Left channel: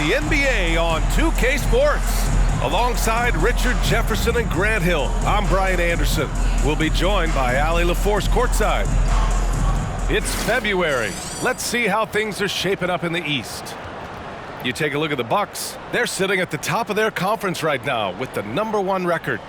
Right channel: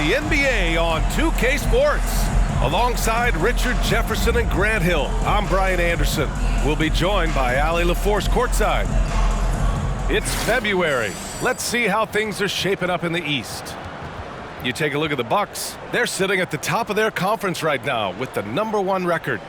The NBA on 2K Sports. Alongside Richard Jefferson and Grant Hill, I'm Brian Anderson. We'll be joined by Allie LaForce courtside. It's February. Let's see how things are shaping up in the East. You take a look at the Bucks. They're sitting at the top of their conference right now with the #1 record.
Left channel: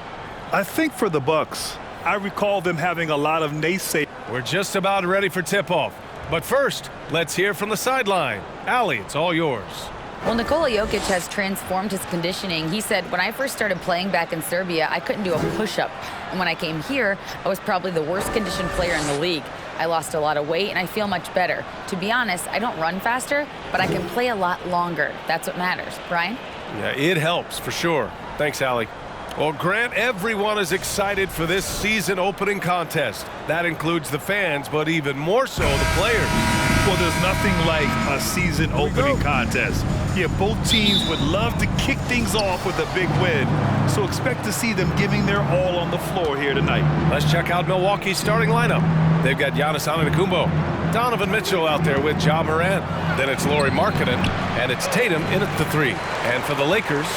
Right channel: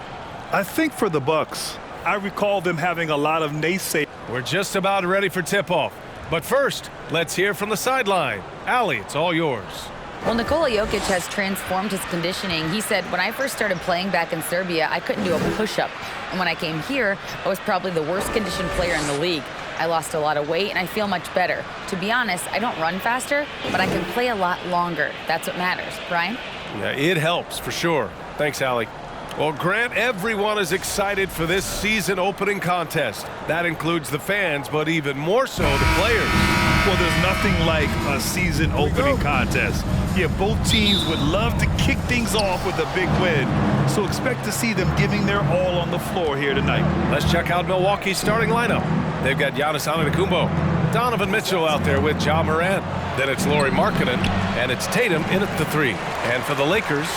I think for the Bucks, I recall them having a lot of naysayers. We're just about ready for tip-off. But first, let's hear from the sideline. Allie, it's all yours. Well, Nikola Jokic has transformed his conditioning. He said, when I first started playing back in Serbia, I couldn't do a push-up. And when I came here, I was probably the worst conditioned player in the league. I lost a lot of weight, and I feel much better. To be honest, I don't run faster, but I can play a lot longer. That's what matters. Brian? Yeah, it helps for sure. Thanks, Allie. Well, Grant, everyone is excited for this season opening contest. That includes the fans, but even more so the players. Well, there's nothing like a season opening contest. Yeah, both teams would love to kick things off with a big win. So expect to see them giving their all on the floor here tonight. Let's check out Milwaukee's starting lineup. They've got Giannis Antetokounmpo, Donovan Mitchell out there with Ja Morant. Then it's Lauri Markkanen, and it's Tatum in at the 3. And for the Lakers,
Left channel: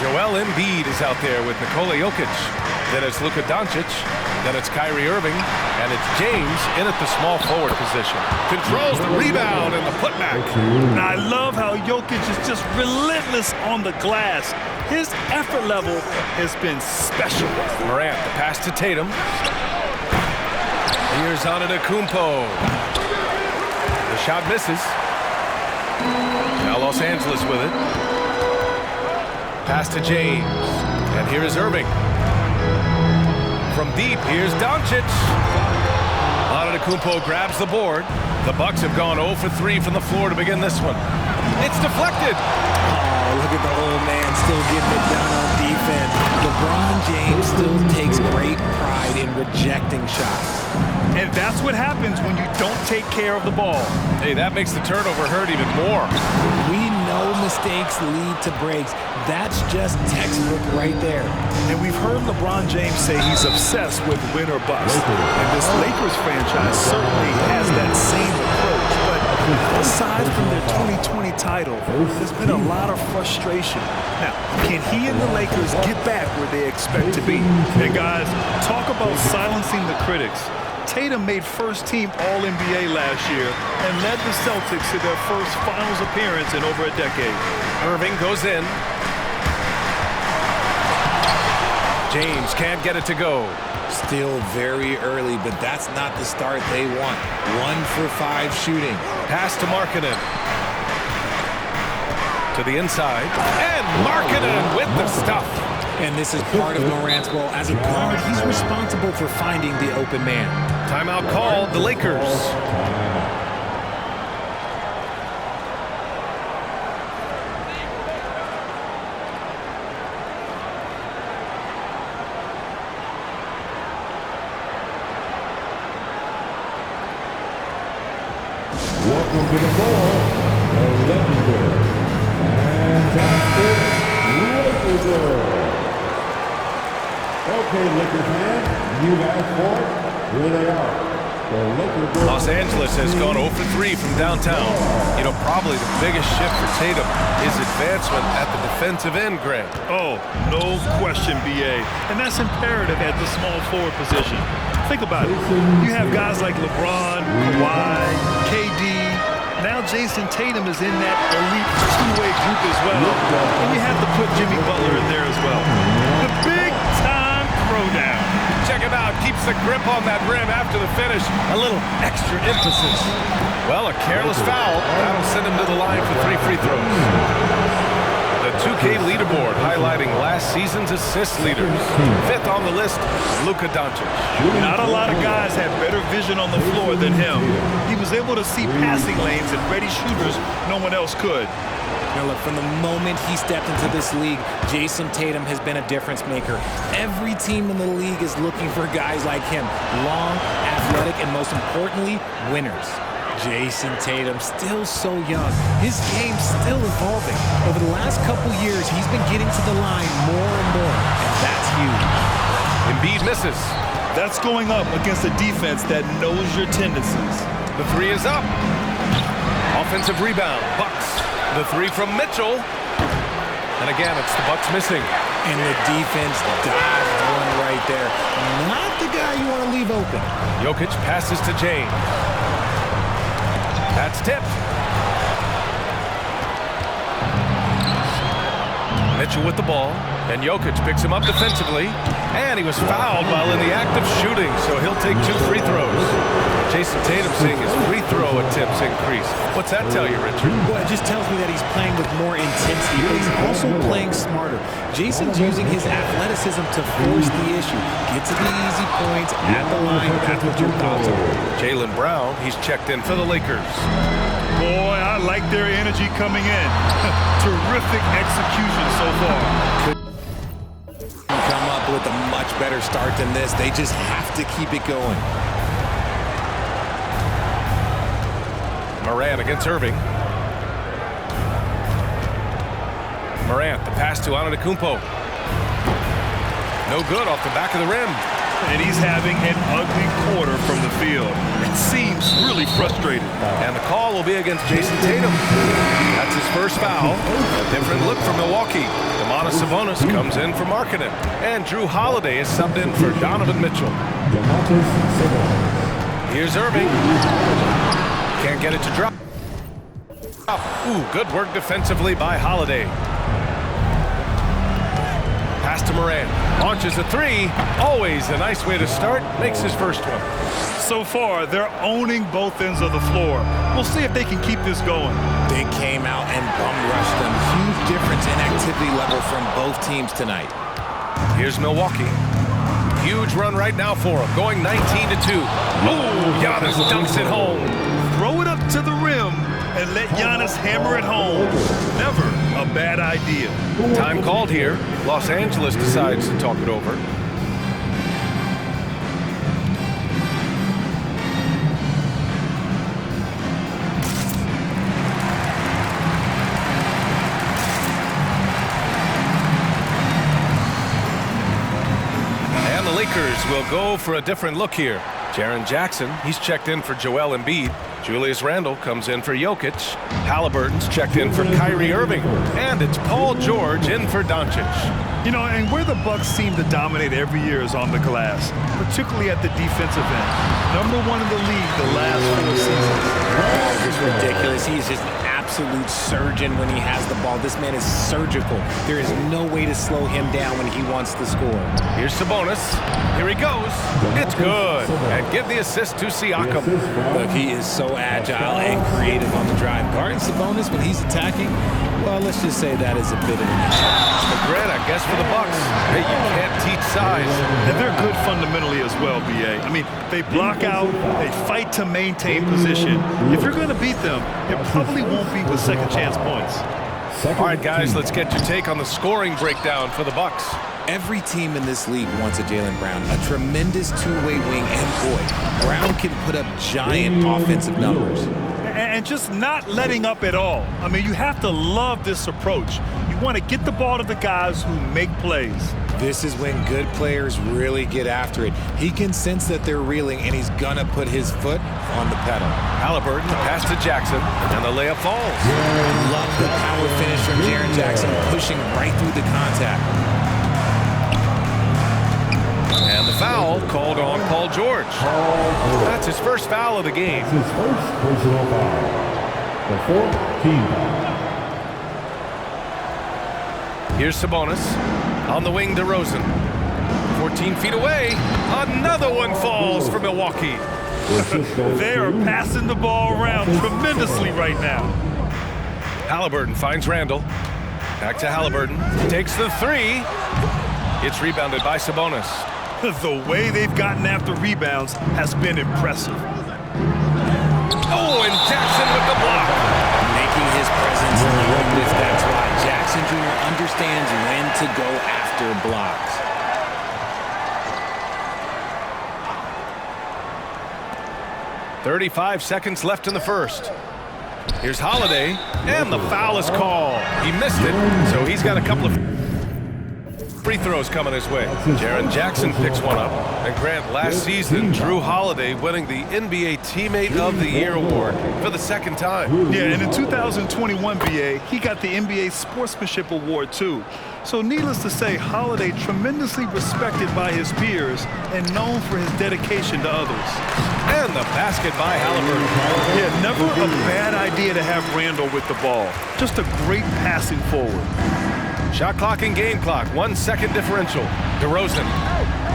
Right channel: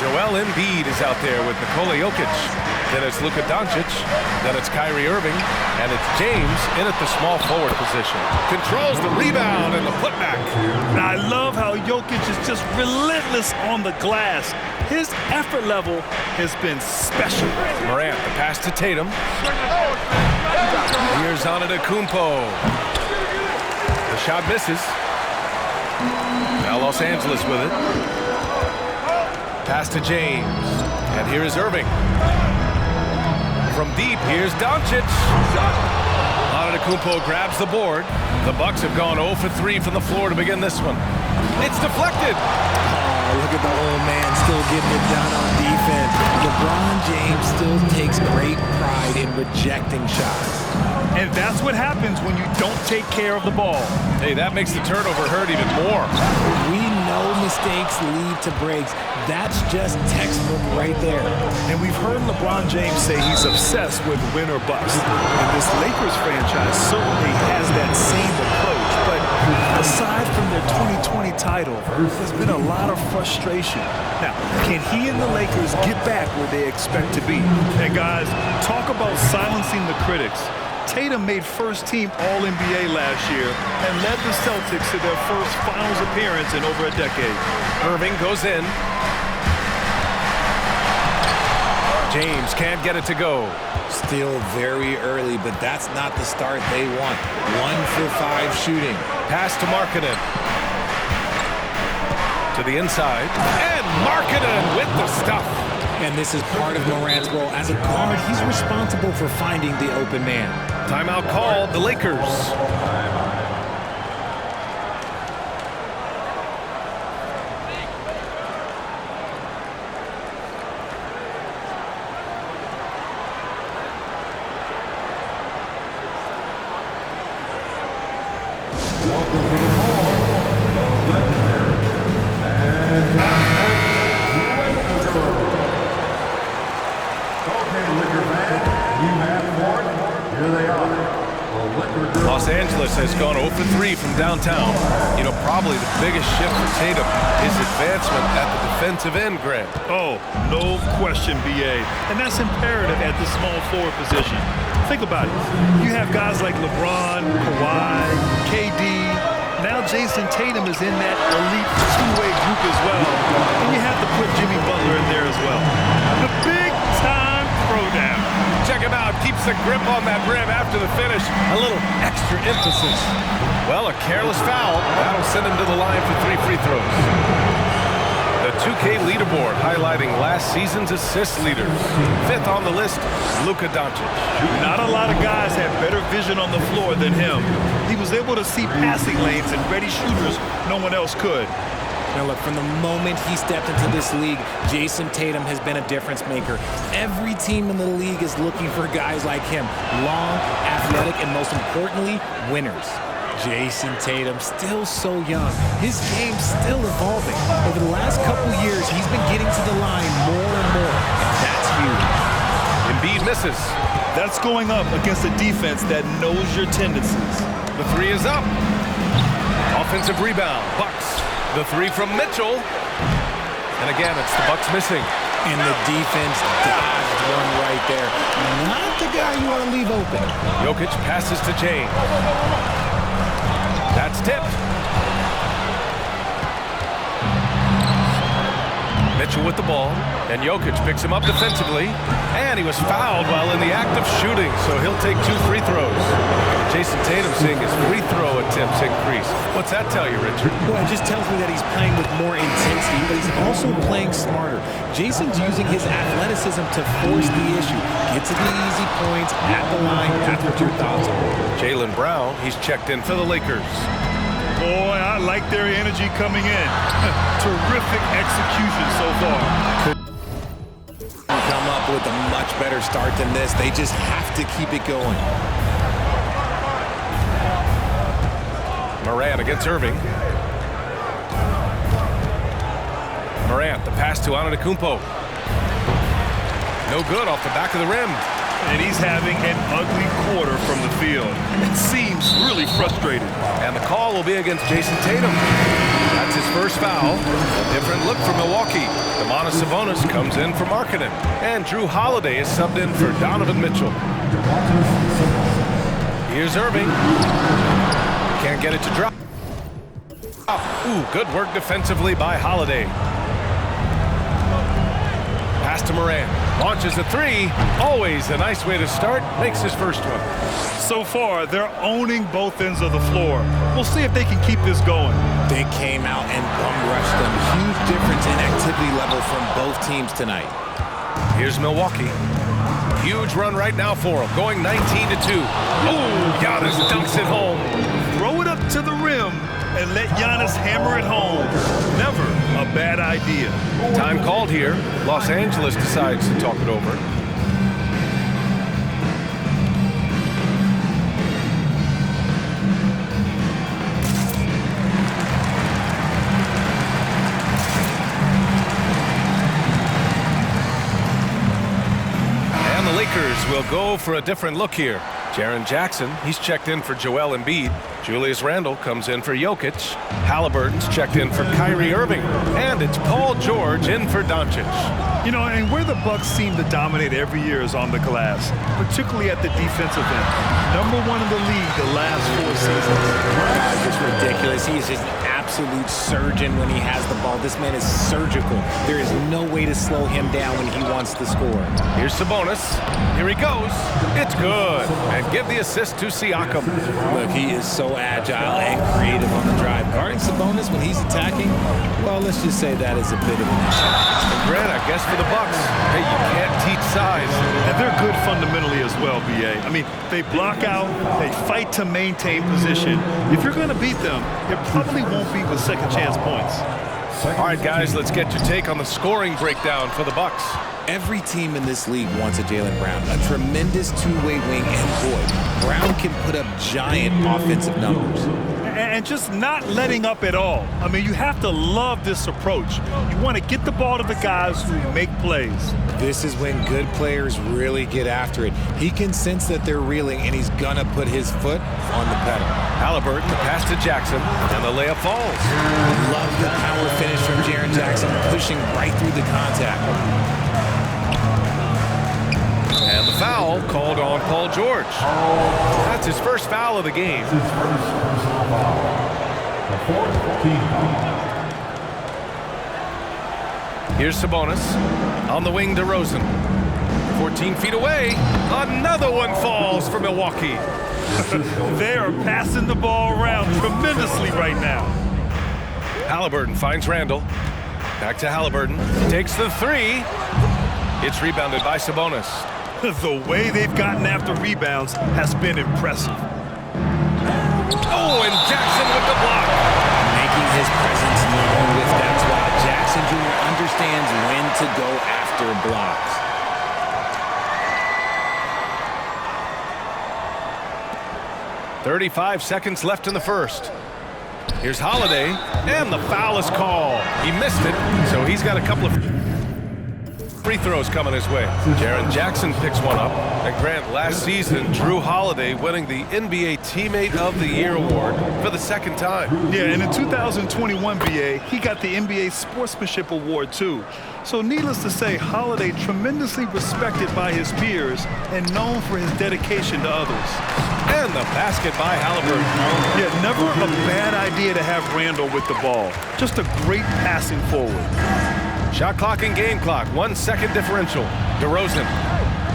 Joel Embiid is out there with Nikola Jokic. Then it's Luka Doncic. Then it's Kyrie Irving. And it's James in at the small forward position. Controls the rebound and the putback. Now, I love how Jokic is just relentless on the glass. His effort level has been special. Morant, the pass to Tatum. Here's Antetokounmpo. The shot misses. Now Los Angeles with it. Pass to James. And here is Irving. From deep, here's Doncic. Antetokounmpo grabs the board. The Bucks have gone 0 for 3 from the floor to begin this one. It's deflected. Oh, look at the old man still getting it done on defense. LeBron James still takes great pride in rejecting shots. And that's what happens when you don't take care of the ball. Hey, that makes the turnover hurt even more. We know mistakes lead to breaks. That's just textbook right there. And we've heard LeBron James say he's obsessed with win or bust. And this Lakers franchise certainly has that same approach. But aside from their 2020 title, there's been a lot of frustration. Now, can he and the Lakers get back where they expect to be? And guys, talk about silencing the critics. Tatum made first-team All-NBA last year and led the Celtics to their first finals appearance in over a decade. Irving goes in. James can't get it to go. Still very early, but that's not the start they want. 1 for 5 shooting. Pass to Markkanen. To the inside. And Markkanen with the stuff. And this is part of Morant's role. As a guard, he's responsible for finding the open man. Timeout called, the Lakers. Welcome to the ball, the legendary and Lakers girl. Okay, Laker fan, you've asked for it. Here they are. Los Angeles has gone 0 for 3 from downtown. You know, probably the biggest shift for Tatum is advancement at the defensive end, Grant. Oh, no question, B.A. And that's imperative at the small forward position. Think about it. You have guys like LeBron, Kawhi, KD. Now Jason Tatum is in that elite two-way group as well. And you have to put Jimmy Butler in there as well. The big-time throwdown. Check him out. Keeps the grip on that rim after the finish. A little extra emphasis. Well, a careless foul. That'll send him to the line for 3 free throws. The 2K leaderboard highlighting last season's assist leaders. 5th on the list, Luka Doncic. Not a lot of guys had better vision on the floor than him. He was able to see passing lanes and ready shooters no one else could. Now look, from the moment he stepped into this league, Jason Tatum has been a difference maker. Every team in the league is looking for guys like him. Long, athletic, and most importantly, winners. Jason Tatum, still so young. His game's still evolving. Over the last couple years, he's been getting to the line more and more, and that's huge. Embiid misses. That's going up against a defense that knows your tendencies. The 3 is up. Offensive rebound, Bucks. The three from Mitchell. And again, it's the Bucks missing. And the defense dodged one right there. Not the guy you want to leave open. Jokic passes to James. That's tipped. Mitchell with the ball, and Jokic picks him up defensively, and he was fouled while in the act of shooting, so he'll take 2 free throws. Jason Tatum seeing his free throw attempts increase. What's that tell you, Richard? Well, it just tells me that he's playing with more intensity, but he's also playing smarter. Jason's using his athleticism to force the issue. Get to the easy points at the line. That's what your thoughts are. Jaylen Brown, he's checked in for the Lakers. Boy, I like their energy coming in. Terrific execution so far. Couldn't come up with a much better start than this. They just have to keep it going. Morant against Irving. Morant, the pass to Antetokounmpo. No good off the back of the rim. And he's having an ugly quarter from the field. It seems really frustrated. And the call will be against Jason Tatum. That's his first foul. A different look for Milwaukee. Domantas Sabonis comes in for Markkanen. And Drew Holiday is subbed in for Donovan Mitchell. Here's Irving. Can't get it to drop. Ooh, good work defensively by Holiday. Pass to Morant. Launches a three. Always a nice way to start. Makes his first one. So far, they're owning both ends of the floor. We'll see if they can keep this going. They came out and bum rushed them. Huge difference in activity level from both teams tonight. Here's Milwaukee. Huge run right now for them. Going 19-2. Oh, Giannis dunks it home. Throw it up to the rim and let Giannis hammer it home. Never a bad idea. Time called here. Los Angeles decides to talk it over. And the Lakers will go for a different look here. Jaren Jackson, he's checked in for Joel Embiid. Julius Randle comes in for Jokic. Halliburton's checked in for Kyrie Irving. And it's Paul George in for Doncic. You know, and where the Bucks seem to dominate every year is on the glass, particularly at the defensive end. #1 in the league the last 4 seasons. Guys, it's ridiculous. He is just an absolute surgeon when he has the ball. This man is surgical. There is no way to slow him down when he wants to score. Here's Sabonis. Here he goes. It's good. And give the assist to Siakam. Look, he is so agile and creative on the drive. Guarding Sabonis when he's attacking, well, let's just say that is a bit of an issue. Regret, I guess, for the Bucks. Hey, you can't teach size. And they're good fundamentally as well, B.A. I mean, they block out, they fight to maintain position. If you're going to beat them, it probably won't be with second chance points. All right, guys, let's get your take on the scoring breakdown for the Bucks. Every team in this league wants a Jaylen Brown, a tremendous two-way wing, and boy, Brown can put up giant offensive numbers. And just not letting up at all. I mean, you have to love this approach. You want to get the ball to the guys who make plays. This is when good players really get after it. He can sense that they're reeling, and he's going to put his foot on the pedal. Halliburton, the pass to Jackson, and the layup falls. Love the power finish from Jaren Jackson, pushing right through the contact. And the foul called on Paul George. That's his first foul of the game. His first personal foul. The 4th team foul. Here's Sabonis. On the wing, DeRozan. 14 feet away. Another one falls for Milwaukee. They are passing the ball around tremendously right now. Halliburton finds Randle. Back to Halliburton. Takes the three. It's rebounded by Sabonis. The way they've gotten after rebounds has been impressive. Oh, and Jackson with the block. Making his presence known with that squad. Jackson Jr. understands when to go after blocks. .35 seconds left in the first. Here's Holiday, and the foul is called. He missed it, so he's got a couple of... free throws coming his way. Jaren Jackson picks one up. And Grant, last season, Drew Holiday winning the NBA Teammate of the Year award for the second time. Yeah, and in 2021, BA, he got the NBA Sportsmanship Award, too. So needless to say, Holiday tremendously respected by his peers and known for his dedication to others. And the basket by Halliburton. Yeah, never a bad idea to have Randall with the ball. Just a great passing forward. Shot clock and game clock, 1 second differential. DeRozan.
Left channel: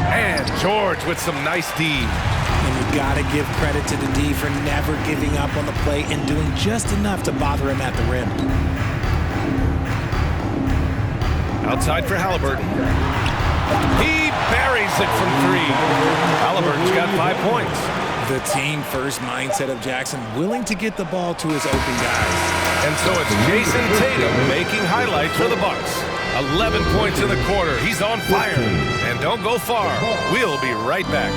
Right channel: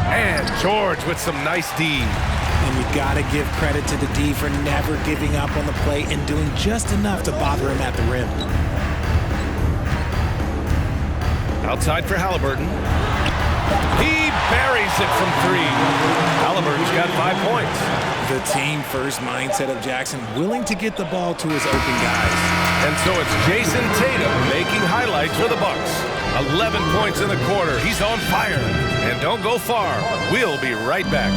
And George with some nice D. And you got to give credit to the D for never giving up on the play and doing just enough to bother him at the rim. Outside for Halliburton. He buries it from 3. Halliburton's got 5 points. The team-first mindset of Jackson, willing to get the ball to his open guys. And so it's Jason Tatum making highlights for the Bucks. 11 points in the quarter. He's on fire. And don't go far. We'll be right back.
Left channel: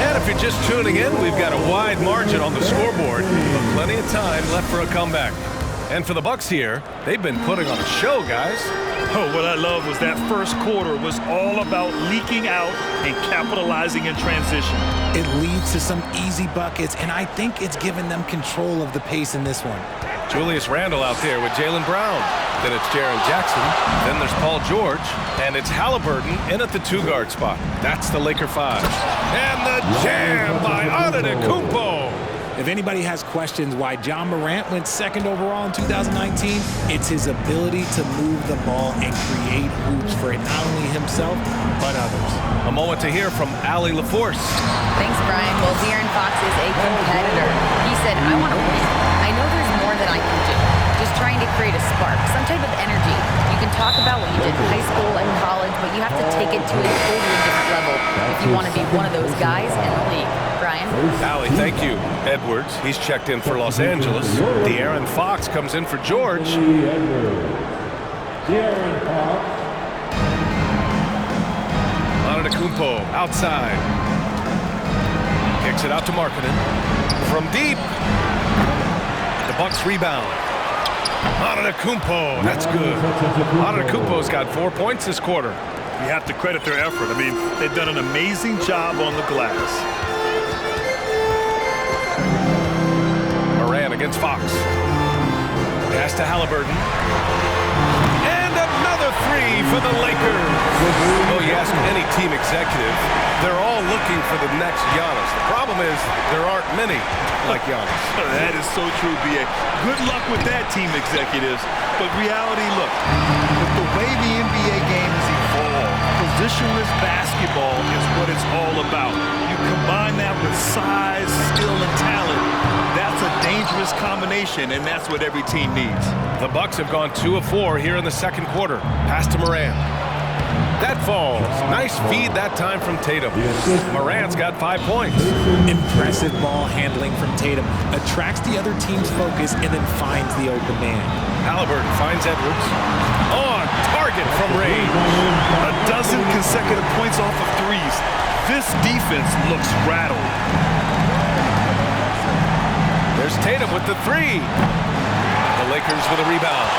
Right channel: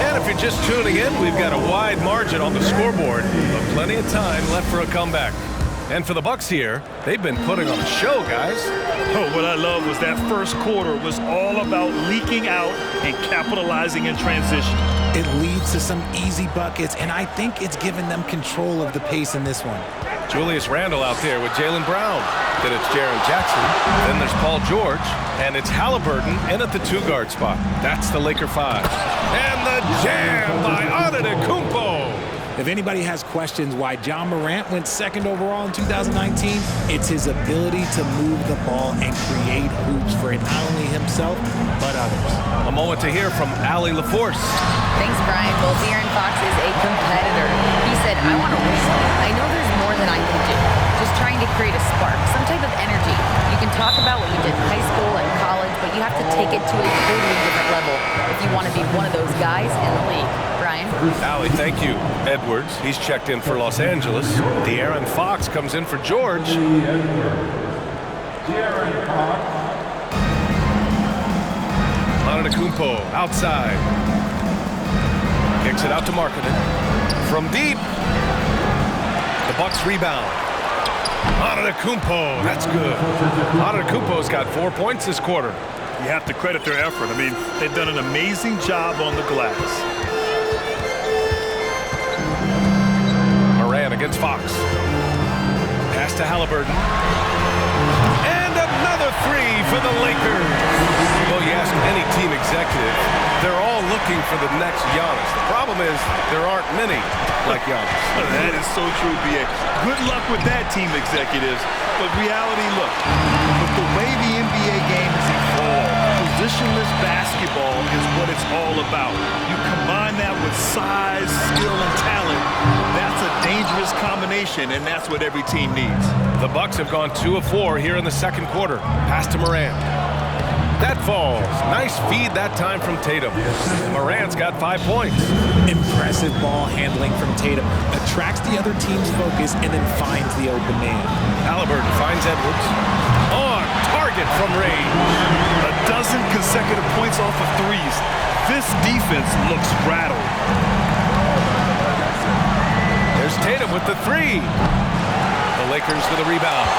And if you're just tuning in, we've got a wide margin on the scoreboard, but plenty of time left for a comeback. And for the Bucks here, they've been putting on a show, guys. Oh, what I love was that first quarter was all about leaking out and capitalizing in transition. It leads to some easy buckets, and I think it's given them control of the pace in this one. Julius Randle out there with Jaylen Brown. Then it's Jaren Jackson. Then there's Paul George. And it's Halliburton in at the 2-guard spot. That's the Laker 5. And the jam by Antetokounmpo. If anybody has questions why Ja Morant went 2nd overall in 2019, it's his ability to move the ball and create hoops for not only himself, but others. A moment to hear from Allie LaForce. Thanks, Brian. Well, De'Aaron Fox is a competitor. He said, I want to win. I know there's more than I can do. Just trying to create a spark, some type of energy. You can talk about what you did in high school and college, but you have to take it to a totally different level if you want to be one of those guys in the league. Brian? Allie, thank you. Edwards, he's checked in for Los Angeles. De'Aaron Fox comes in for George. De'Aaron Fox. Antetokounmpo outside. Kicks it out to Markkanen. From deep. The Bucks rebound. Antetokounmpo, that's good. Antetokounmpo's got 4 points this quarter. You have to credit their effort. I mean, they've done an amazing job on the glass. Moran against Fox. Pass to Halliburton. And another 3 for the Lakers. Well, you ask any team executive, they're all looking for the next Giannis. The problem is there aren't many like Giannis. That is so true, B.A. Good luck with that, team executives. But reality, look, with the way the NBA game has evolved, positionless basketball is what it's all about. You combine that with size, skill, and talent, that's a dangerous combination, and that's what every team needs. The Bucks have gone 2 of 4 here in the second quarter. Pass to Moran. That falls. Nice feed that time from Tatum. Morant's got 5 points. Impressive ball handling from Tatum. Attracts the other team's focus and then finds the open man. Halliburton finds Edwards. On target from range. A dozen consecutive points off of threes. This defense looks rattled. There's Tatum with the 3. The Lakers with a rebound.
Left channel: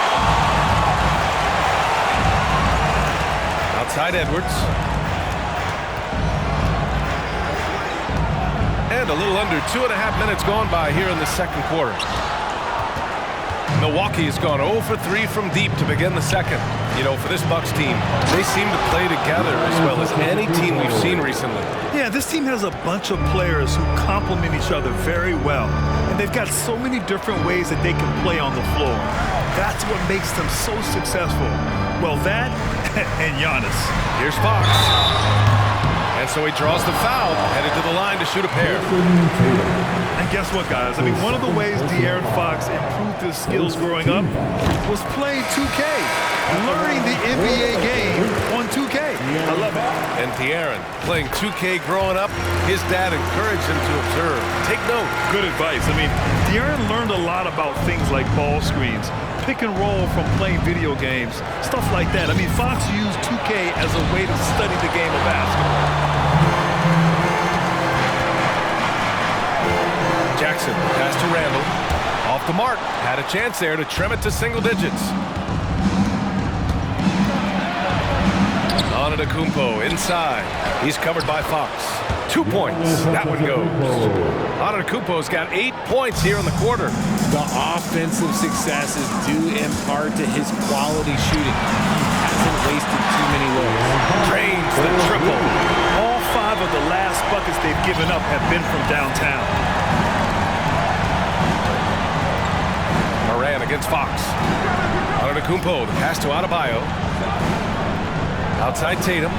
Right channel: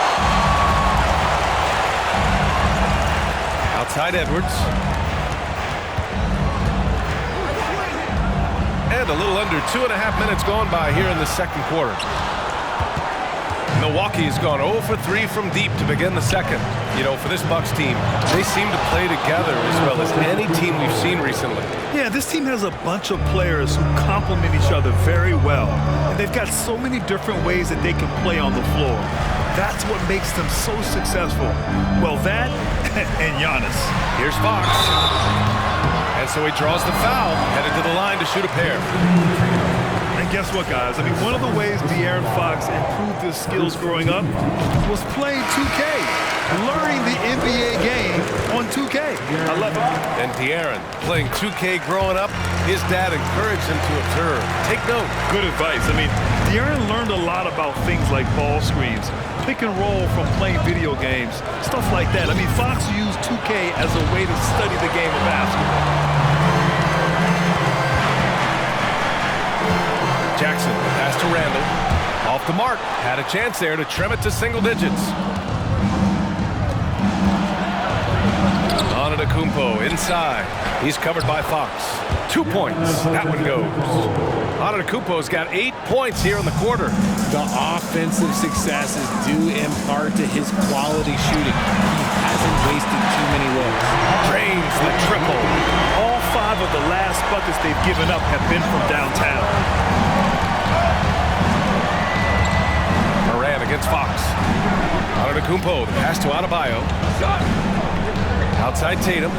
Outside Edwards. And a little under 2.5 minutes gone by here in the second quarter. Milwaukee has gone 0 for 3 from deep to begin the second. You know, for this Bucks team, they seem to play together as well as any team we've seen recently. Yeah, this team has a bunch of players who complement each other very well. And they've got so many different ways that they can play on the floor. That's what makes them so successful. Well, that and Giannis. Here's Fox. And so he draws the foul, headed to the line to shoot a pair. And guess what, guys? I mean, one of the ways De'Aaron Fox improved his skills growing up was playing 2K, learning the NBA game on 2K. I love it. And De'Aaron, playing 2K growing up, his dad encouraged him to observe. Take note. Good advice. I mean, De'Aaron learned a lot about things like ball screens, pick and roll from playing video games, stuff like that. I mean, Fox used 2K as a way to study the game of basketball. Jackson, pass to Randall. Off the mark. Had a chance there to trim it to single digits. Antetokounmpo inside. He's covered by Fox. 2 points. That one goes. Antetokounmpo's got 8 points here in the quarter. The offensive success is due in part to his quality shooting. He hasn't wasted too many looks. Drains the triple. All 5 of the last buckets they've given up have been from downtown. Moran against Fox. Antetokounmpo, the pass to Adebayo. Outside Tatum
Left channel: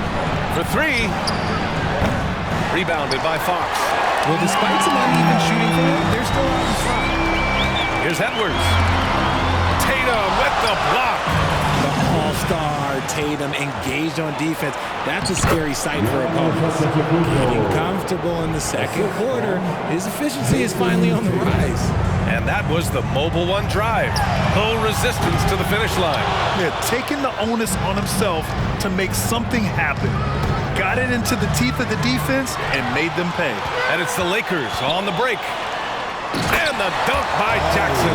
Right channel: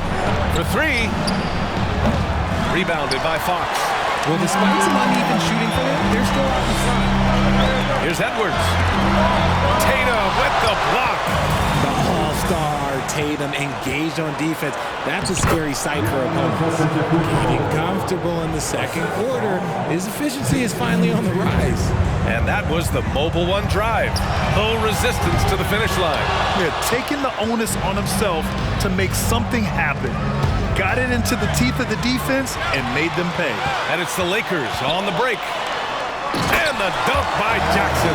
for 3. Rebounded by Fox. Well, despite some uneven shooting for him, they're still out in front. Here's Edwards. Tatum with the block. The all-star Tatum engaged on defense. That's a scary sight for opponents. Getting comfortable in the second quarter. His efficiency is finally on the rise. And that was the mobile one drive. No resistance to the finish line. Yeah, taking the onus on himself to make something happen. Got it into the teeth of the defense and made them pay. And it's the Lakers on the break. And the dunk by Jackson.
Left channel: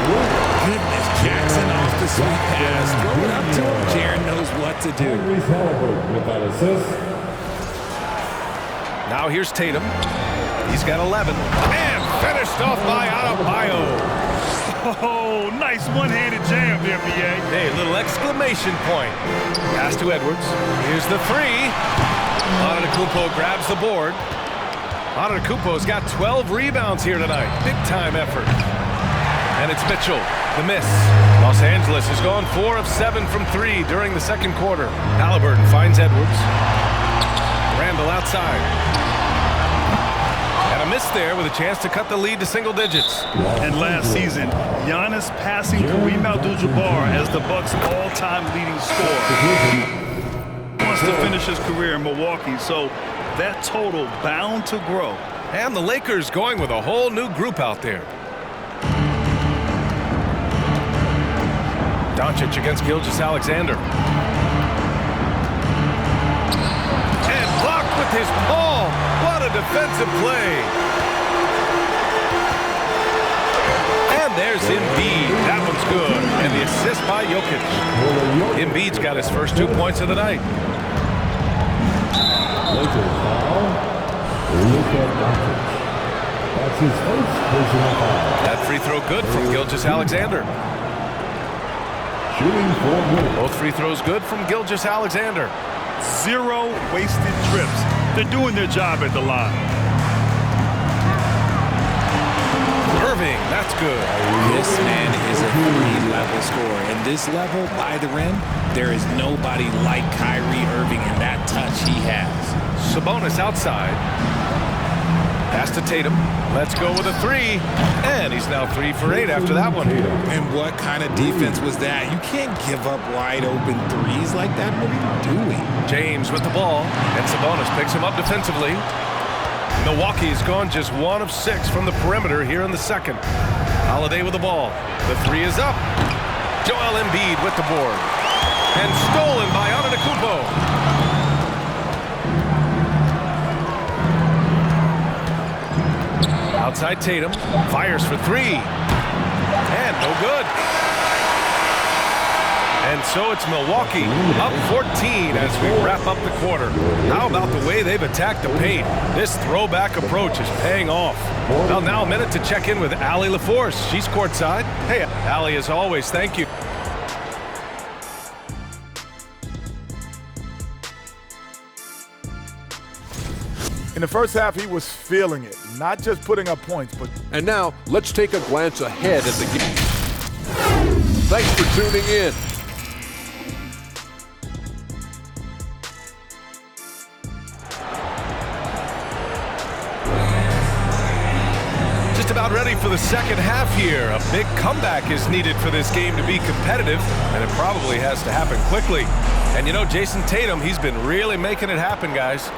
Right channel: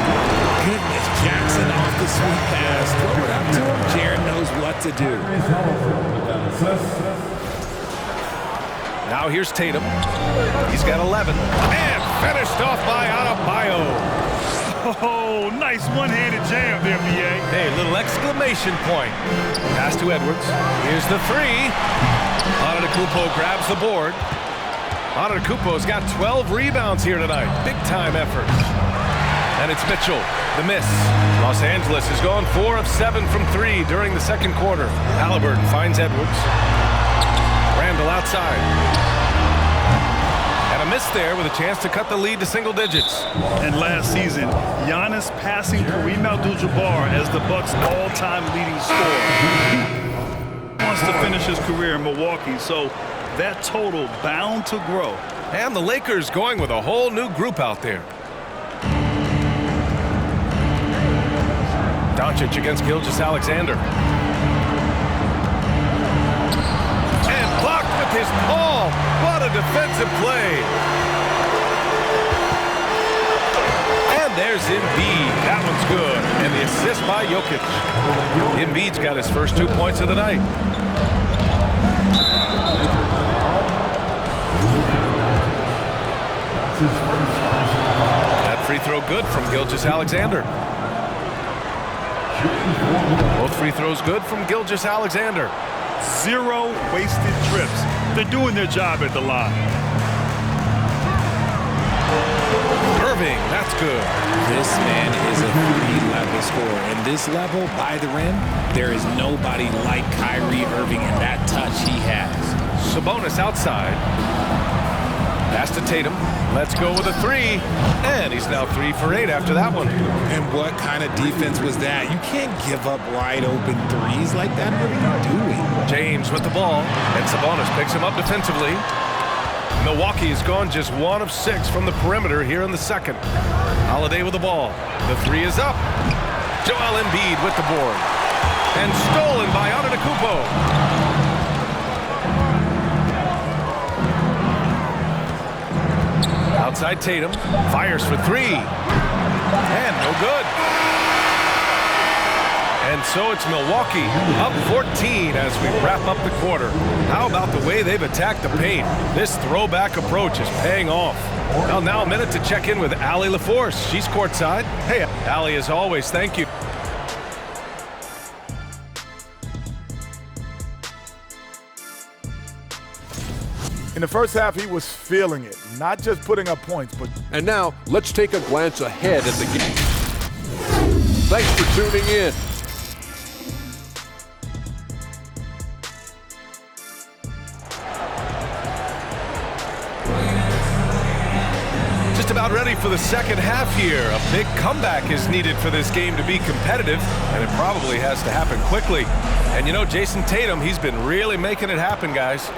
Goodness, Jackson off the sweet pass. Throw it up to him. Jaren knows what to do. With that assist. Now here's Tatum. He's got 11. And finished off by Adebayo. Oh, nice one-handed jam there, B.A. Hey, little exclamation point. Pass to Edwards. Here's the 3. Antetokounmpo grabs the board. Antetokounmpo's got 12 rebounds here tonight. Big-time effort. And it's Mitchell, the miss. Los Angeles has gone 4 of 7 from 3 during the second quarter. Halliburton finds Edwards. Randall outside. And a miss there with a chance to cut the lead to single digits. And last season, Giannis passing Kareem Abdul-Jabbar as the Bucks' all-time leading scorer. He wants to finish his career in Milwaukee, so that total bound to grow. And the Lakers going with a whole new group out there. Doncic against Gilgeous-Alexander. And blocked with his palm. What a defensive play. And there's Embiid. That one's good. And the assist by Jokic. Embiid's got his first 2 points of the night. That's his first personal foul. That free throw good from Gilgeous-Alexander. Shooting 4 Both free throws good from Gilgeous-Alexander. 0 wasted trips. They're doing their job at the line. Irving, that's good. This man is a 3-level scorer. And this level, by the rim, there is nobody like Kyrie Irving in that touch he has. Sabonis outside. Pass to Tatum. Let's go with a 3. And he's now 3 for 8 after that one. And what kind of defense was that? You can't give up wide open threes like that. What are you doing? James with the ball. And Sabonis picks him up defensively. Milwaukee has gone just 1 of 6 from the perimeter here in the second. Holiday with the ball. The 3 is up. Joel Embiid with the board. And stolen by Antetokounmpo. Outside Tatum, fires for 3, and no good. And so it's Milwaukee up 14 as we wrap up the quarter. How about the way they've attacked the paint? This throwback approach is paying off. Well, now a minute to check in with Allie LaForce. She's courtside. Hey, Allie, as always, thank you. In the first half, he was feeling it, not just putting up points, but... And now, let's take a glance ahead at the game. Thanks for tuning in. Just about ready for the second half here. A big comeback is needed for this game to be competitive, and it probably has to happen quickly. And you know, Jason Tatum, he's been really making it happen, guys.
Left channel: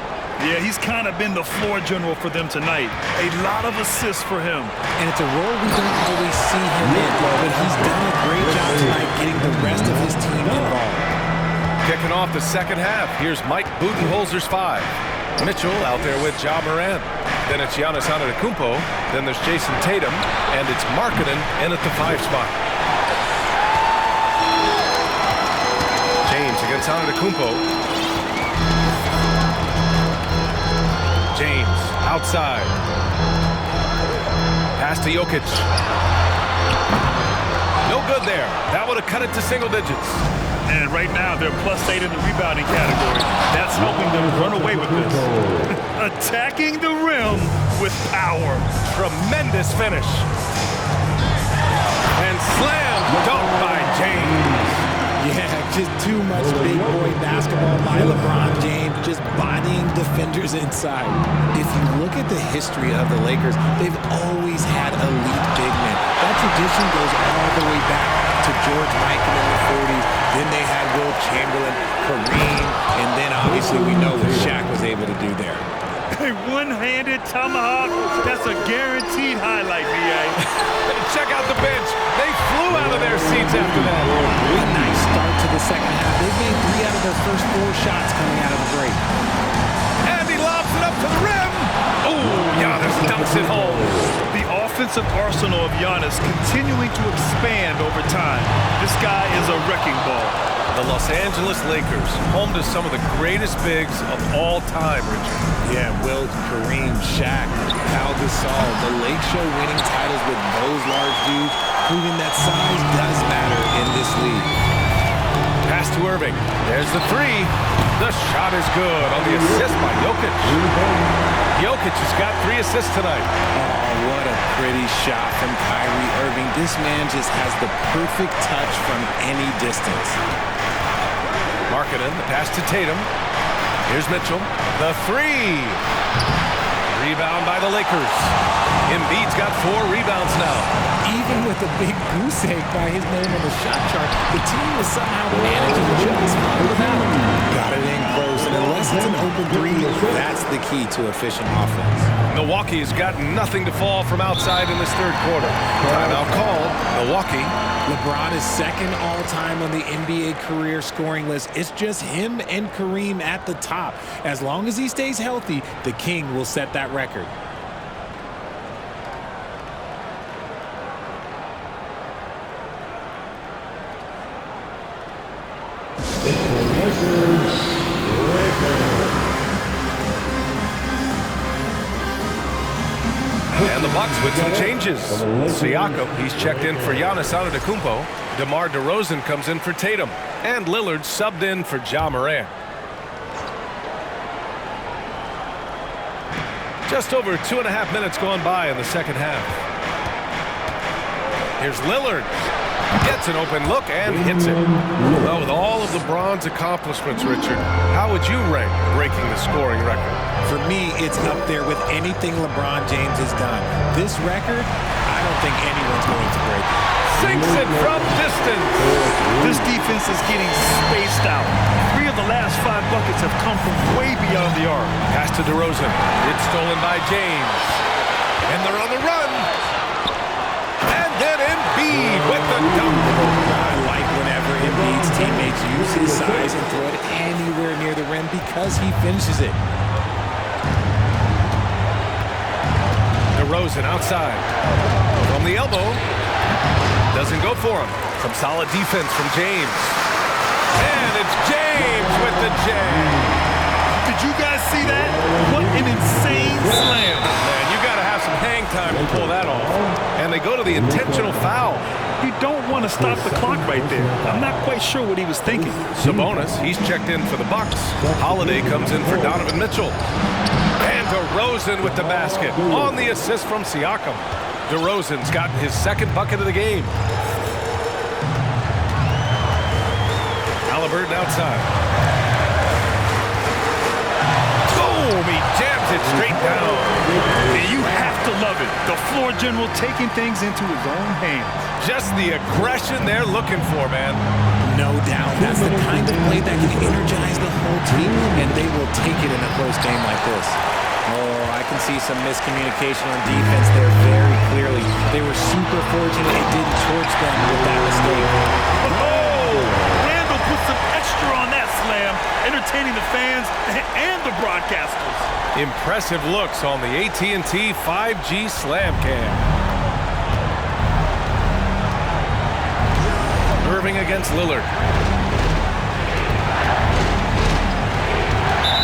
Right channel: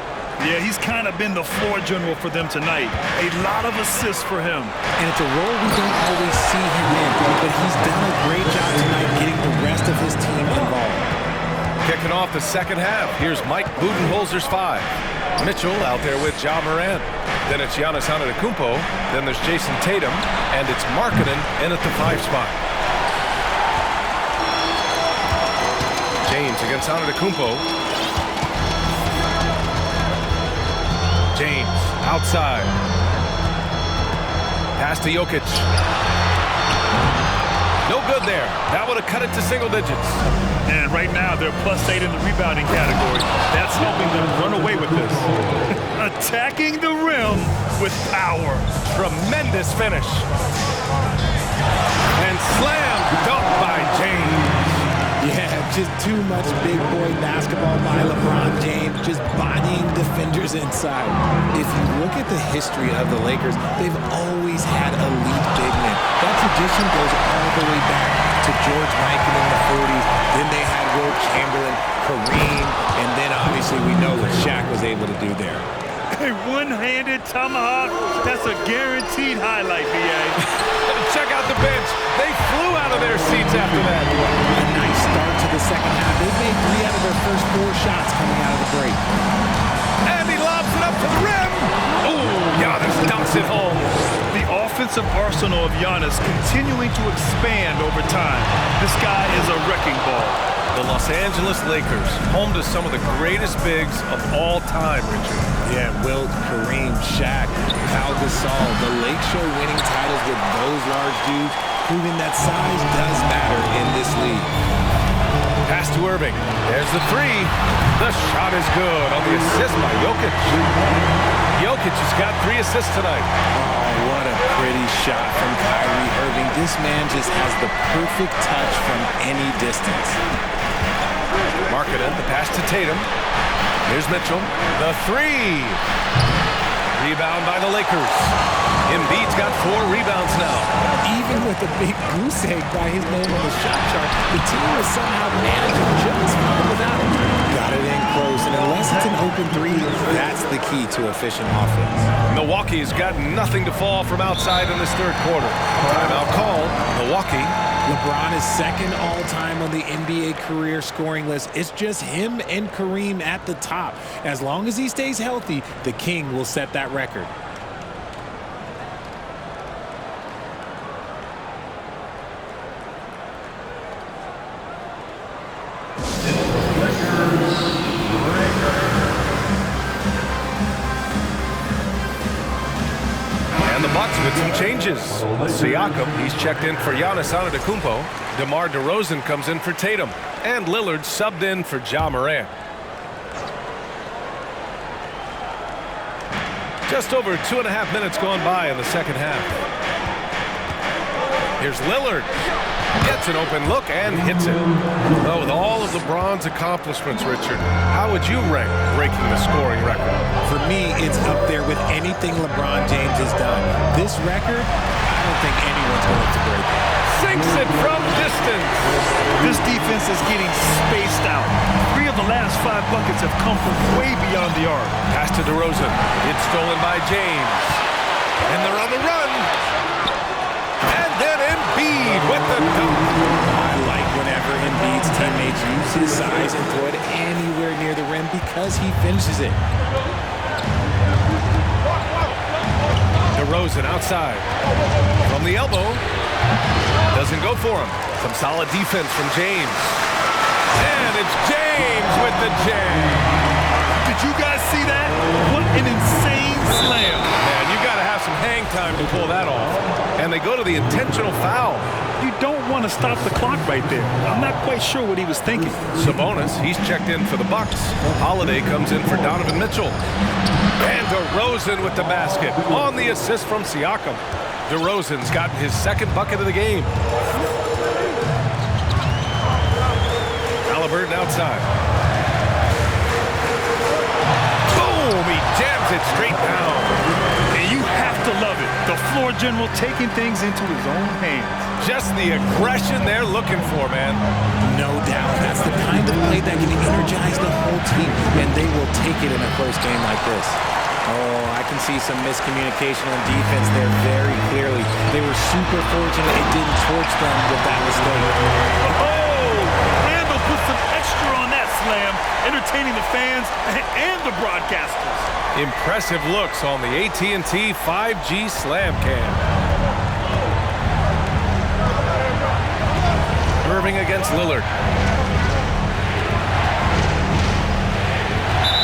Yeah, he's kind of been the floor general for them tonight. A lot of assists for him. And it's a role we don't always see him in, but he's done a great job tonight getting the rest of his team involved. Kicking off the second half, here's Mike Budenholzer's 5. Mitchell out there with Ja Morant. Then it's Giannis Antetokounmpo. Then there's Jason Tatum. And it's Markkanen in at the 5 spot. James against Antetokounmpo. James outside. Pass to Jokic. No good there. That would have cut it to single digits. And right now, they're +8 in the rebounding category. That's helping them run away with this. Attacking the rim with power. Tremendous finish. And slam dunk by James. Yeah, just too much big boy basketball by LeBron James, just bodying defenders inside. If you look at the history of the Lakers, they've always had elite big men. That tradition goes all the way back to George Mikan in the 40s. Then they had Wilt Chamberlain, Kareem, and then obviously we know what Shaq was able to do there. A one-handed tomahawk, that's a guaranteed highlight, B.A. Check out the bench. They flew out of their seats after that. A nice start to the second half. They've made 3 out of their first 4 shots coming out of the break. And he lobs it up to the rim. Ooh, Giannis dunks it home. The offensive arsenal of Giannis continuing to expand over time. This guy is a wrecking ball. The Los Angeles Lakers, home to some of the greatest bigs of all time, Richard. Yeah, Wilt, Kareem, Shaq, Pau Gasol, the Lake Show winning titles with those large dudes, proving that size does matter in this league. Pass to Irving. There's the 3. The shot is good on the assist by Jokic. Jokic has got 3 assists tonight. Oh, what a pretty shot from Kyrie Irving. This man just has the perfect touch from any distance. Markkanen, the pass to Tatum. Here's Mitchell. The 3. Rebound by the Lakers. Embiid's got 4 rebounds now. Even with a big goose egg by his name on the shot chart, the team is somehow managing just fine without him. Got it in close, and unless it's an open 3, that's the key to efficient offense. Milwaukee's got nothing to fall from outside in this third quarter. Timeout called. Milwaukee. LeBron is second all-time on the NBA career scoring list. It's just him and Kareem at the top. As long as he stays healthy, the King will set that record. And the Bucks with some changes. Siakam, he's checked in for Giannis Antetokounmpo. DeMar DeRozan comes in for Tatum. And Lillard subbed in for Ja Morant. Just over 2.5 minutes gone by in the second half. Here's Lillard. Gets an open look and hits it. Well, with all of LeBron's accomplishments, Richard, how would you rank breaking the scoring record? For me, it's up there with anything LeBron James has done. This record, I don't think anyone's going to break it. Sinks it from distance. This defense is getting spaced out. 3 of the last 5 buckets have come from way beyond the arc. Pass to DeRozan. It's stolen by James. And they're on the run. And then Embiid with the dunk. I like whenever Embiid's teammates use his size and throw it anywhere near the rim because he finishes it. DeRozan outside. From the elbow. Doesn't go for him. Some solid defense from James. And it's James with the jam. Did you guys see that? What an insane slam. Man, you got to have some hang time to pull that off. And they go to the intentional foul. You don't want to stop the clock right there. I'm not quite sure what he was thinking. Sabonis, he's checked in for the Bucks. Holiday comes in for Donovan Mitchell. And DeRozan with the basket on the assist from Siakam. DeRozan's gotten his 2nd bucket of the game. Halliburton outside. Boom! He jams it straight down. And you have to love it. The floor general taking things into his own hands. Just the aggression they're looking for, man. No doubt. That's the kind of play that can energize the whole team, and they will take it in a close game like this. Oh, I can see some miscommunication on defense there very clearly. They were super fortunate it didn't torch them with that mistake. Oh, Randall put some extra on that slam, entertaining the fans and the broadcasters. Impressive looks on the AT&T 5G Slam Cam. Irving against Lillard.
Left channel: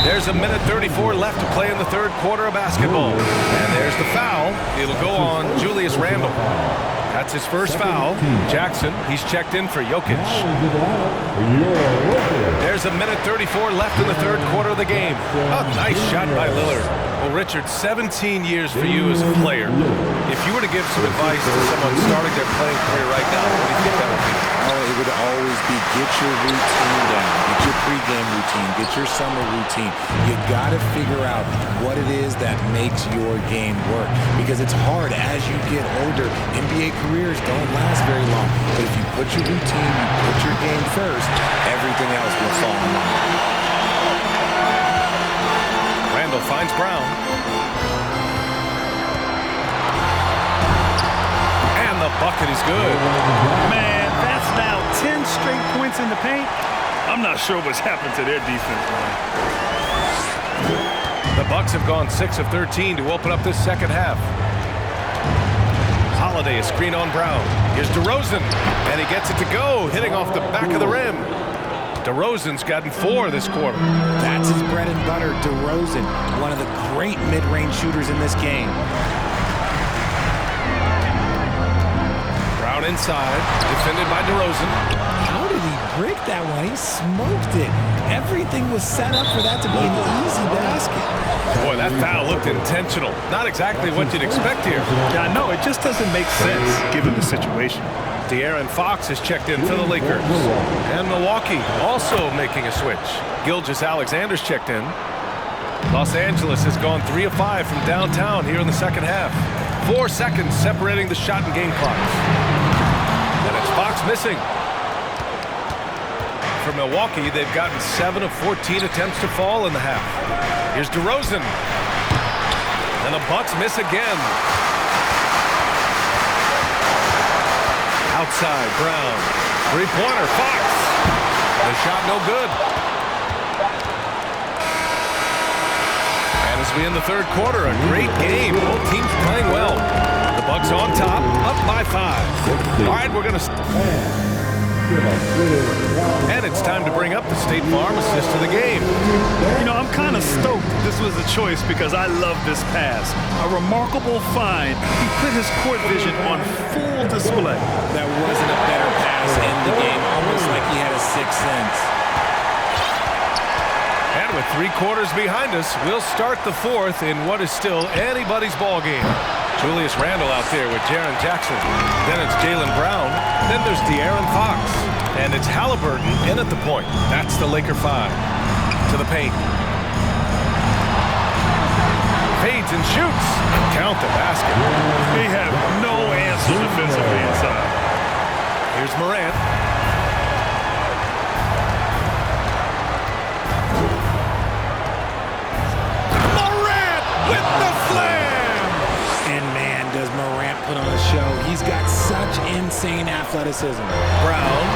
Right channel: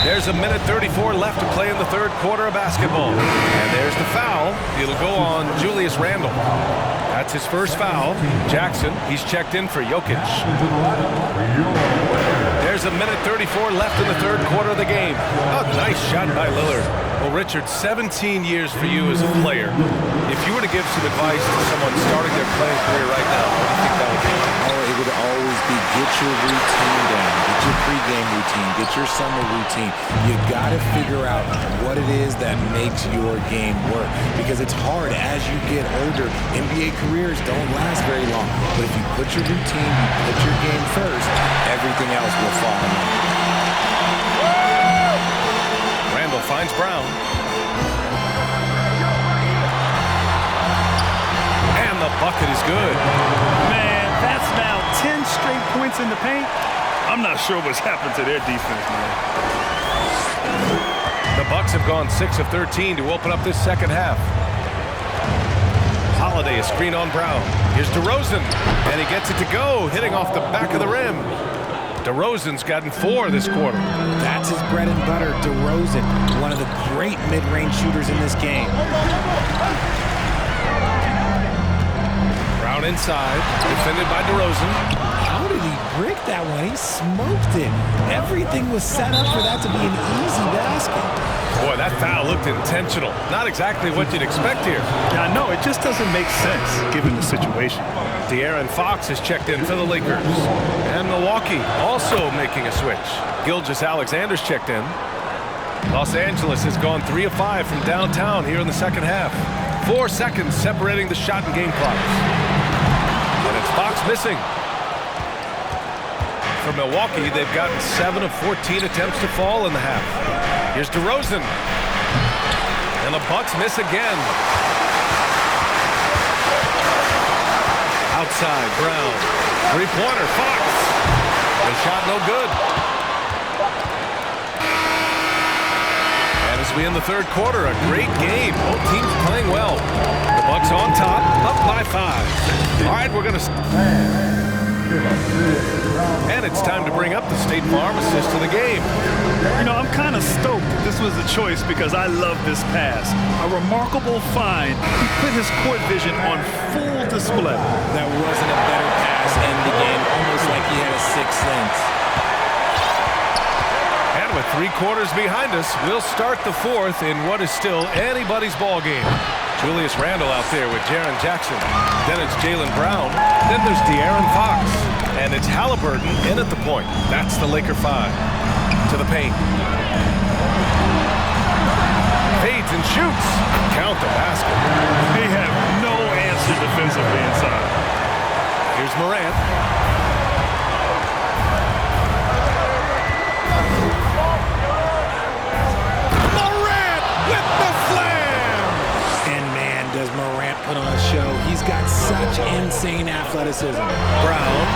There's a minute 34 left to play in the third quarter of basketball. And there's the foul. It'll go on Julius Randle. That's his first foul. Jackson, he's checked in for Jokic. There's a minute 34 left in the third quarter of the game. A nice shot by Lillard. Well, Richard, 17 years for you as a player. If you were to give some advice to someone starting their playing career right now, what do you think that would be? Oh, it would always be get your routine down, get your pregame routine, get your summer routine. You got to figure out what it is that makes your game work, because it's hard as you get older. NBA careers don't last very long, but if you put your routine, you put your game first, everything else will fall in line. Randall finds Brown. And the bucket is good. Man, that's now 10 straight points in the paint. I'm not sure what's happened to their defense, man. The Bucks have gone 6 of 13 to open up this second half. Holiday, a screen on Brown. Here's DeRozan, and he gets it to go, hitting off the back of the rim. DeRozan's gotten 4 this quarter. That's his bread and butter, DeRozan, one of the great mid-range shooters in this game. Brown inside, defended by DeRozan. How did he brick that one? He smoked it. Everything was set up for that to be an easy basket. Boy, that foul looked intentional. Not exactly what you'd expect here. Yeah, I know. It just doesn't make sense given the situation. De'Aaron Fox has checked in for the Lakers. And Milwaukee also making a switch. Gilgeous-Alexander's checked in. Los Angeles has gone 3 of 5 from downtown here in the second half. 4 seconds separating the shot and game clocks. And it's Fox missing. For Milwaukee, they've gotten 7 of 14 attempts to fall in the half. Here's DeRozan. And the Bucks miss again. Outside, Brown. Three-pointer, Fox. The shot no good. And as we end the third quarter, a great game. Both teams playing well. The Bucks on top, up by 5. All right, we're going to... And it's time to bring up the State Farm assist of the game. You know, I'm kind of stoked this was a choice because I love this pass. A remarkable find. He put his court vision on full display. That wasn't a better pass in the game, almost like he had a sixth sense. And with 3 quarters behind us, we'll start the fourth in what is still anybody's ball game. Julius Randle out there with Jaren Jackson. Then it's Jaylen Brown. Then there's De'Aaron Fox. And it's Halliburton in at the point. That's the Laker 5. To the paint. Fades and shoots. Count the basket. They have no answer defensively inside. Here's Morant. Morant with the slam! And man, does Morant put on a show. He's got such insane athleticism. Brown.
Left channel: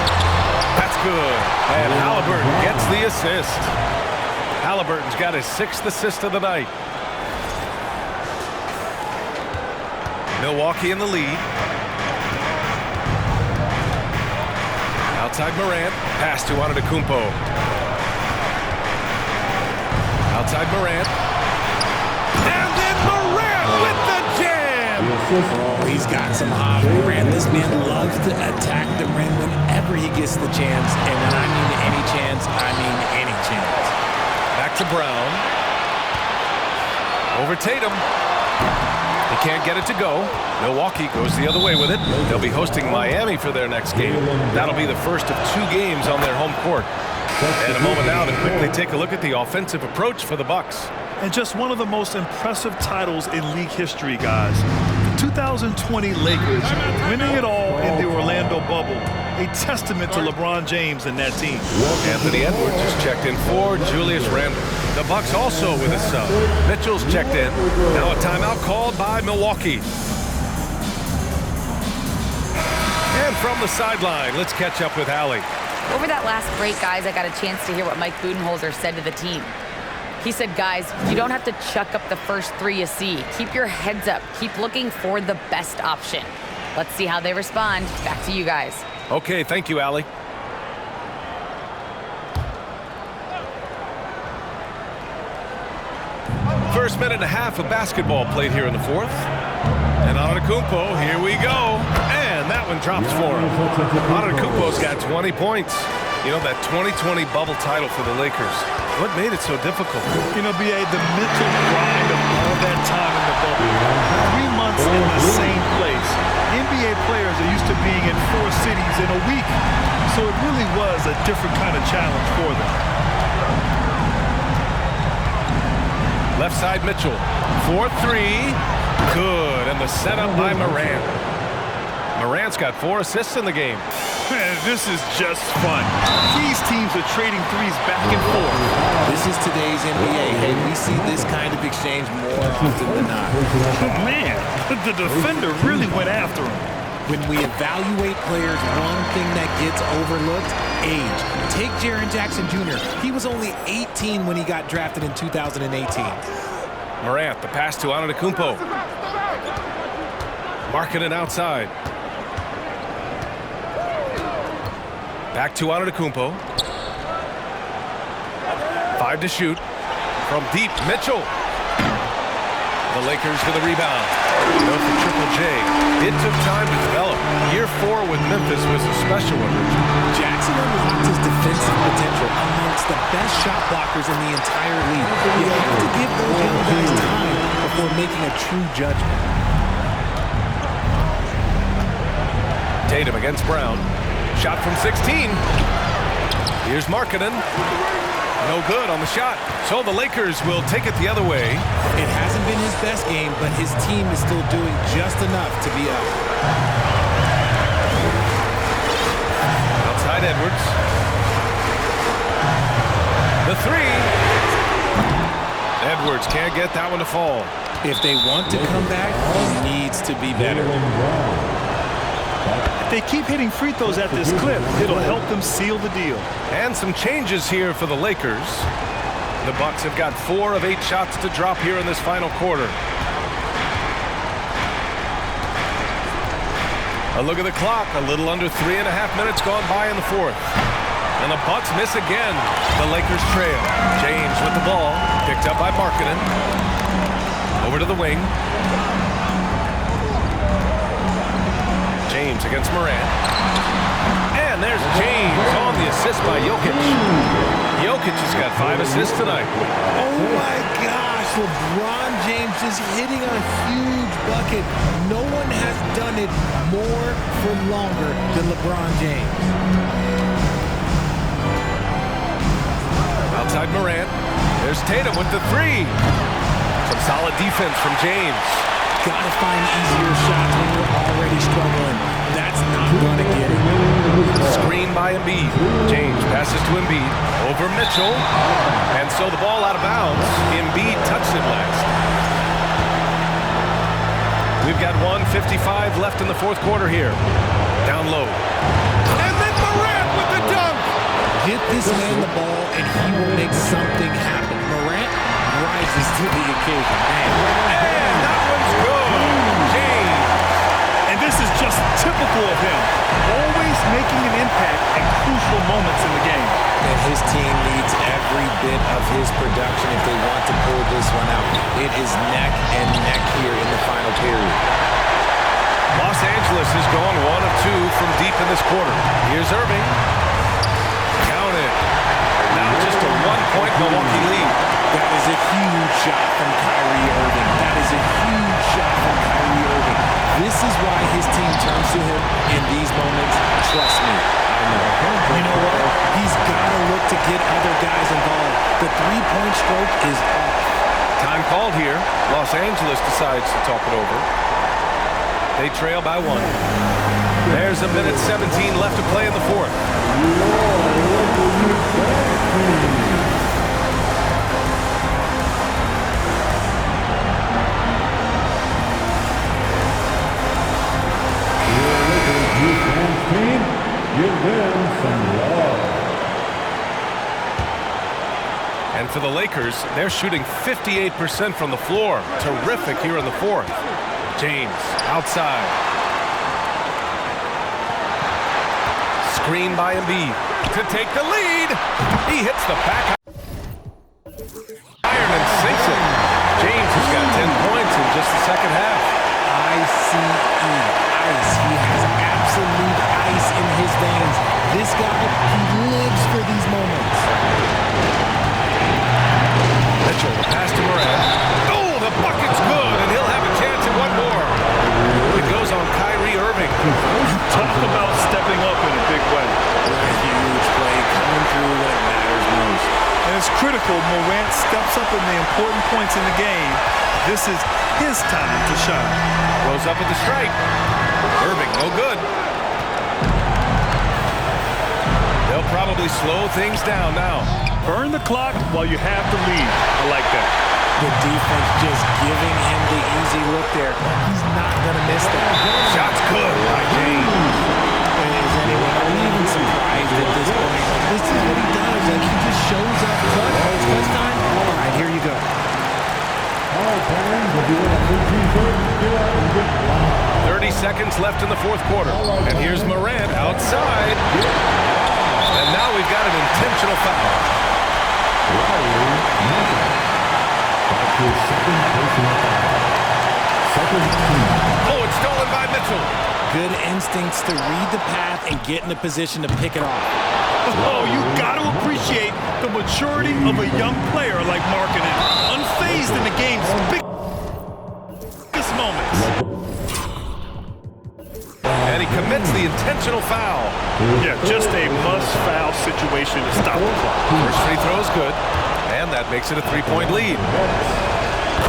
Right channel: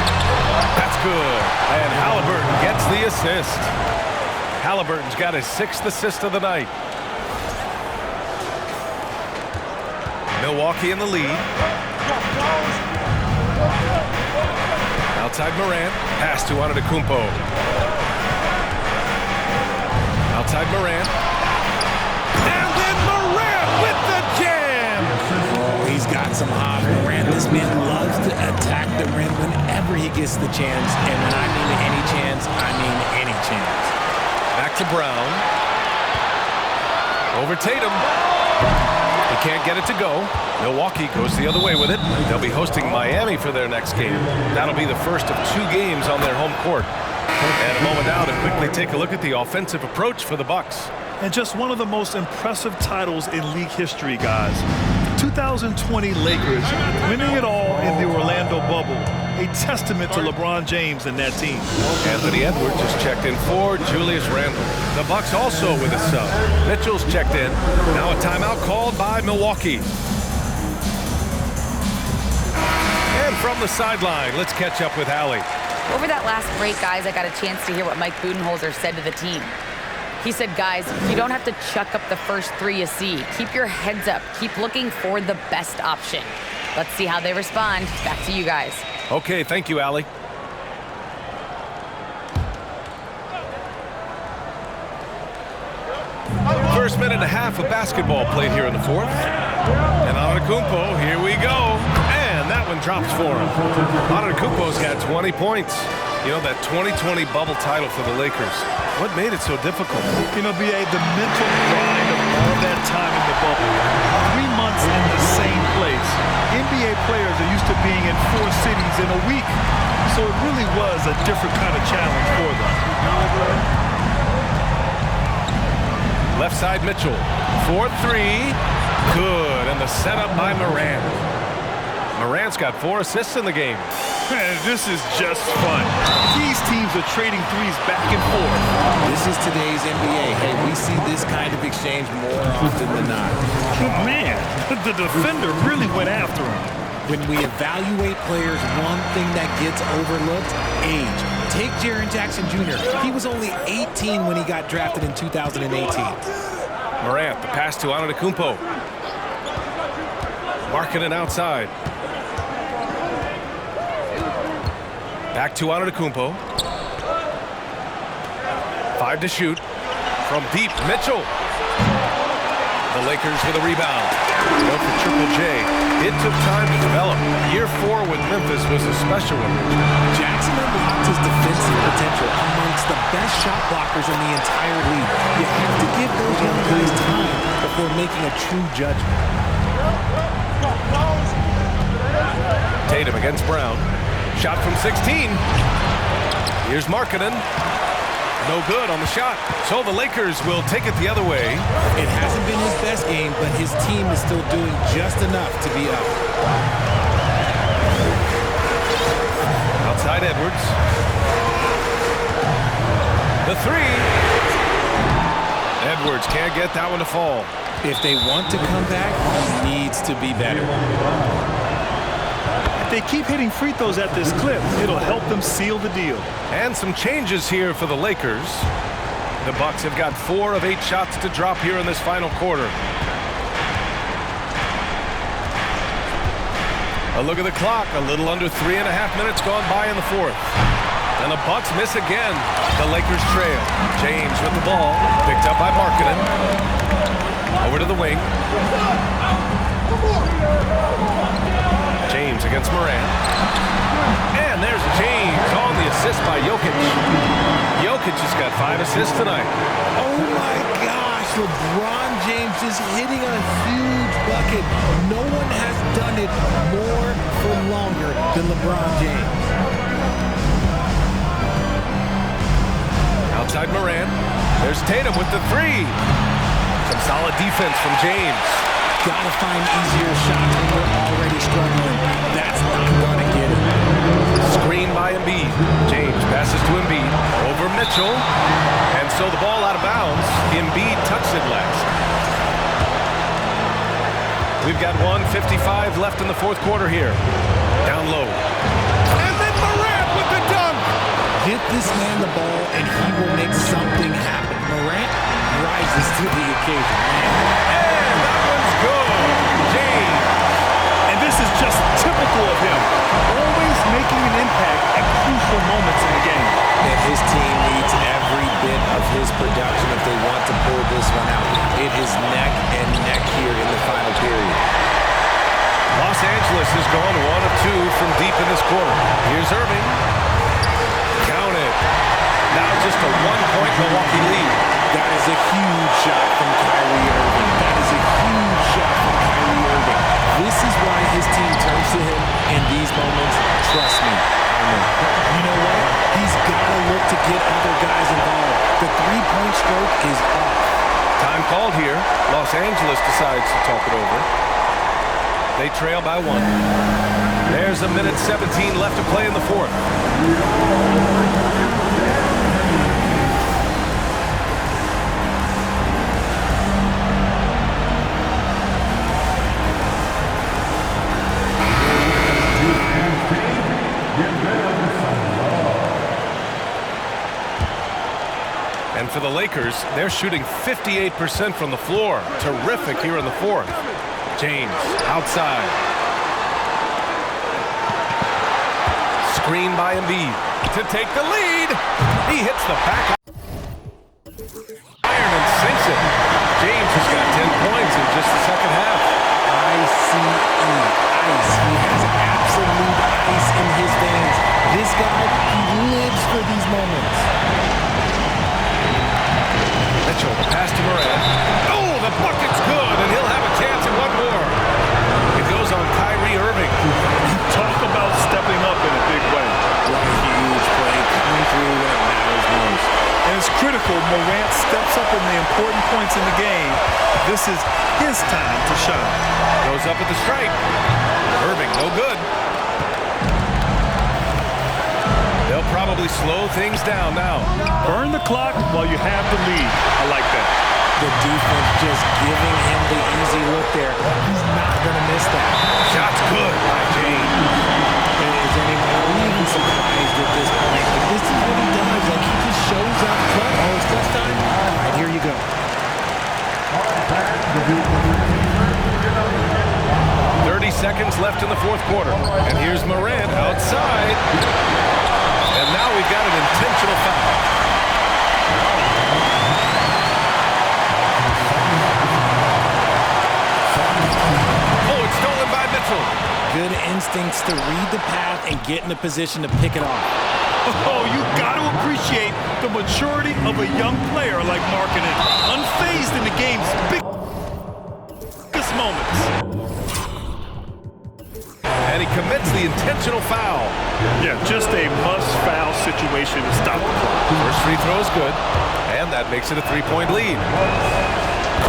That's good. And Halliburton gets the assist. Halliburton's got his 6th assist of the night. Milwaukee in the lead. Outside Morant. Pass to Antetokounmpo. Outside Morant. And then Morant with the jam! Oh, he's got some hops, Morant. This man loves to attack the rim whenever he gets the chance. And when I mean any chance, I mean any chance. Back to Brown. Over Tatum. He can't get it to go. Milwaukee goes the other way with it. They'll be hosting Miami for their next game. That'll be the first of 2 games on their home court. And a moment now to quickly take a look at the offensive approach for the Bucks. And just one of the most impressive titles in league history, guys. 2020 Lakers winning it all in the Orlando bubble. A testament to LeBron James and that team. Anthony Edwards is checked in for Julius Randle. The Bucks also with a sub. Mitchell's checked in. Now a timeout called by Milwaukee. And from the sideline, let's catch up with Allie. Over that last break, guys, I got a chance to hear what Mike Budenholzer said to the team. He said, guys, you don't have to chuck up the first three you see. Keep your heads up. Keep looking for the best option. Let's see how they respond. Back to you guys. Okay, thank you, Allie. First minute and a half of basketball played here in the fourth. And Antetokounmpo, here we go. And that one drops for him. Antetokounmpo's got 20 points. You know, that 2020 bubble title for the Lakers. What made it so difficult? You know, B.A., the mental grind of all that time in the bubble. 3 months in the same place. NBA players are used to being in 4 cities in a week. So it really was a different kind of challenge for them. Left side Mitchell. 4-3. Good. And the setup by Morant. Morant's got 4 assists in the game. Man, this is just fun. These teams are trading threes back and forth. This is today's NBA. Hey, we see this kind of exchange more often than not. Man, the defender really went after him. When we evaluate players, one thing that gets overlooked, age. Take Jaren Jackson Jr. He was only 18 when he got drafted in 2018. Morant, the pass to Antetokounmpo. Marking it outside. Back to Antetokounmpo. 5 to shoot. From deep, Mitchell. The Lakers with a rebound. You know, for Triple J, it took time to develop. Year 4 with Memphis was a special one, Richard. Jackson unlocked his defensive potential amongst the best shot blockers in the entire league. You have to give those young guys time before making a true judgment. Tatum against Brown. Shot from 16. Here's Markkanen. No good on the shot. So the Lakers will take it the other way. It hasn't been his best game, but his team is still doing just enough to be up. Outside Edwards. The 3. Edwards can't get that one to fall. If they want to come back, he needs to be better. If they keep hitting free throws at this clip, it'll help them seal the deal. And some changes here for the Lakers. The Bucks have got 4 of 8 shots to drop here in this final quarter. A look at the clock. A little under 3.5 minutes gone by in the fourth. And the Bucks miss again. The Lakers trail. James with the ball. Picked up by Markkanen. Over to the wing. James against Morant. And there's James on the assist by Jokic. Jokic has got 5 assists tonight. Oh my gosh, LeBron James is hitting a huge bucket. No one has done it more for longer than LeBron James. Outside Morant. There's Tatum with the 3. Some solid defense from James. Gotta find easier shots when you're already struggling. That's not gonna get it. Screen by Embiid. James passes to Embiid. Over Mitchell. And so the ball out of bounds. Embiid touched it last. We've got 1:55 left in the fourth quarter here. Down low. And then Morant with the dunk. Get this man the ball and he will make something happen. Morant rises to the occasion, man. And that one's good. James. And this is just typical of him. Always making an impact at crucial moments in the game. And his team needs every bit of his production if they want to pull this one out. It is neck and neck here in the final period. Los Angeles has gone 1 of 2 from deep in this quarter. Here's Irving. Count it. Now just a 1-point Milwaukee lead. That is a huge shot from Kyrie Irving. That is a huge shot from Kyrie Irving. This is why his team turns to him in these moments. Trust me, I know. You know what? He's got to look to get other guys involved. The three-point stroke is off. Time called here. Los Angeles decides to talk it over. They trail by 1. There's a minute 17 left to play in the fourth. Give them some love. And for the Lakers, they're shooting 58% from the floor. Terrific here in the fourth. James outside. Screen by Embiid to take the lead. He hits the back iron and sinks it. James has got 10 points in just the second half. ICE, ice. He has absolute ice in his veins. This guy, he lives for these moments. Mitchell, the pass to Morant. Oh, the bucket's good, and he'll have a chance at one more. It goes on Kyrie Irving. Talk about stepping up in a big way. What a huge play coming through when it matters most. And it's critical Morant steps up in the important points in the game. This is his time to shine. Goes up at the stripe. Irving, no good. They'll probably slow things down now. Burn the clock while you have the lead. I like that. The defense just giving him the easy look there. He's not going to miss that. Shot's good by James. Is anyone, are we even surprised at this point? Like, this is what he does. Like, he just shows up clutch. Oh, it's clutch time? All right, here you go. All right, fans, if you want a new t-shirt, get out and get one. 30 seconds left in the fourth quarter. And here's Morant outside. And now we've got an intentional foul. Oh, it's stolen by Mitchell. Good instincts to read the path and get in a position to pick it off. Oh, you got to appreciate the maturity of a young player like Markkanen. Unfazed in the game's biggest moments. And he commits the intentional foul. Yeah, just a must-foul situation to stop the clock. First free throw is good, and that makes it a 3-point lead.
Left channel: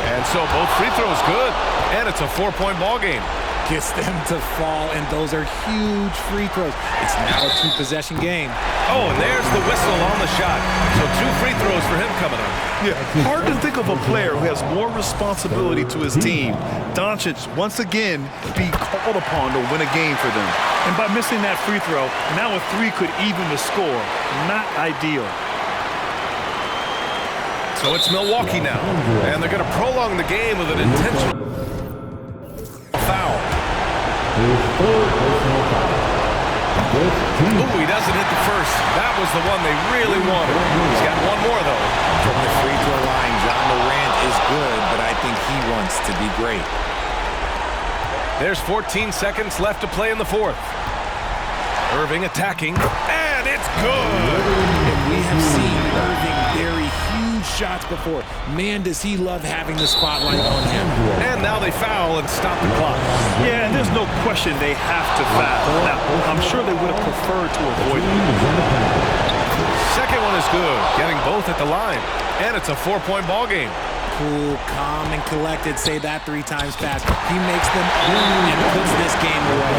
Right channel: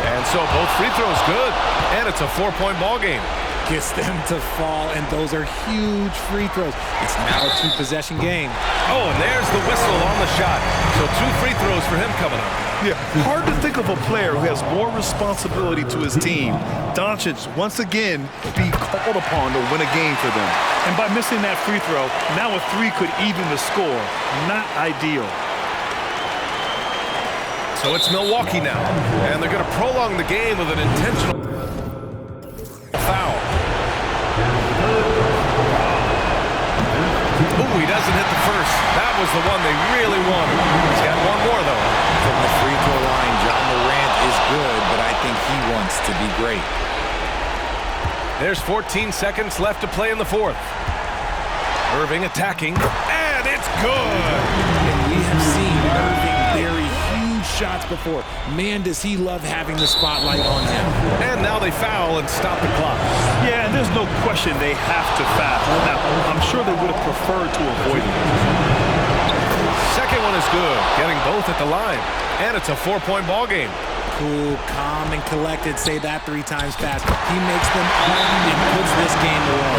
And so both free throws good, and it's a 4-point ball game. Gets them to fall, and those are huge free throws. It's now a 2-possession game. Oh, and there's the whistle on the shot. So 2 free throws for him coming up. Yeah, hard to think of a player who has more responsibility to his team. Doncic, once again, being called upon to win a game for them. And by missing that free throw, now a 3 could even the score. Not ideal. So it's Milwaukee now, and they're going to prolong the game with an intentional foul. Ooh, he doesn't hit the first. That was the one they really wanted. He's got one more, though. From the free throw line, John Morant is good, but I think he wants to be great. There's 14 seconds left to play in the fourth. Irving attacking, and it's good. And we have seen Irving bury huge shots before. Man, does he love having the spotlight on him. And now they foul and stop the clock. Yeah, and there's no question they have to foul. Now, I'm sure they would have preferred to avoid it. Second one is good, getting both at the line. And it's a 4-point ball game. Cool, calm, and collected. Say that 3 times fast. He makes them own and puts this game away.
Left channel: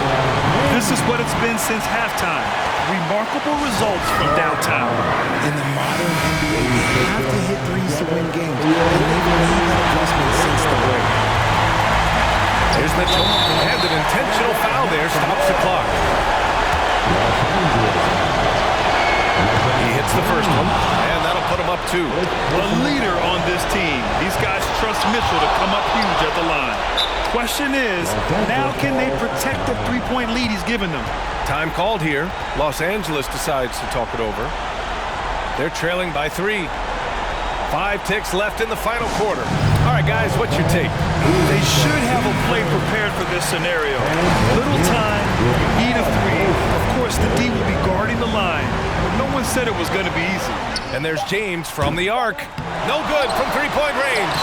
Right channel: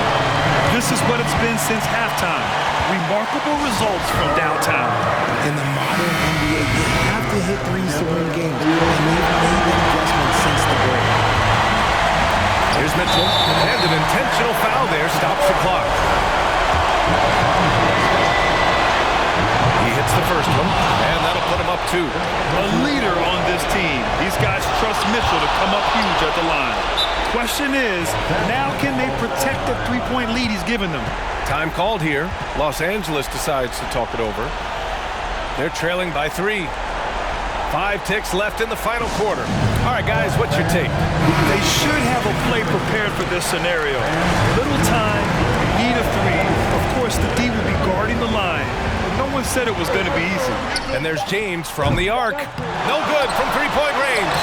This is what it's been since halftime. Remarkable results from downtown. In the modern NBA, they have to hit threes to win games, and they've made that adjustment since the break. Here's Mitchell, and an intentional foul there stops the clock. He hits the first one, and that'll put him up 2. A leader on this team. These guys trust Mitchell to come up huge at the line. Question is, now can they protect the 3-point lead he's given them? Time called here. Los Angeles decides to talk it over. They're trailing by 3. 5 ticks left in the final quarter. All right, guys, what's your take? They should have a play prepared for this scenario. Little time, you need a 3. Of course, the D will be guarding the line, but no one said it was going to be easy. And there's James from the arc. No good from 3-point range.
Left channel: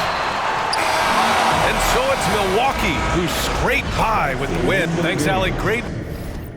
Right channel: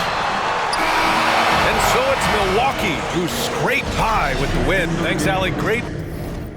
And so it's Milwaukee who scraped by with the win. Thanks, Allie. Great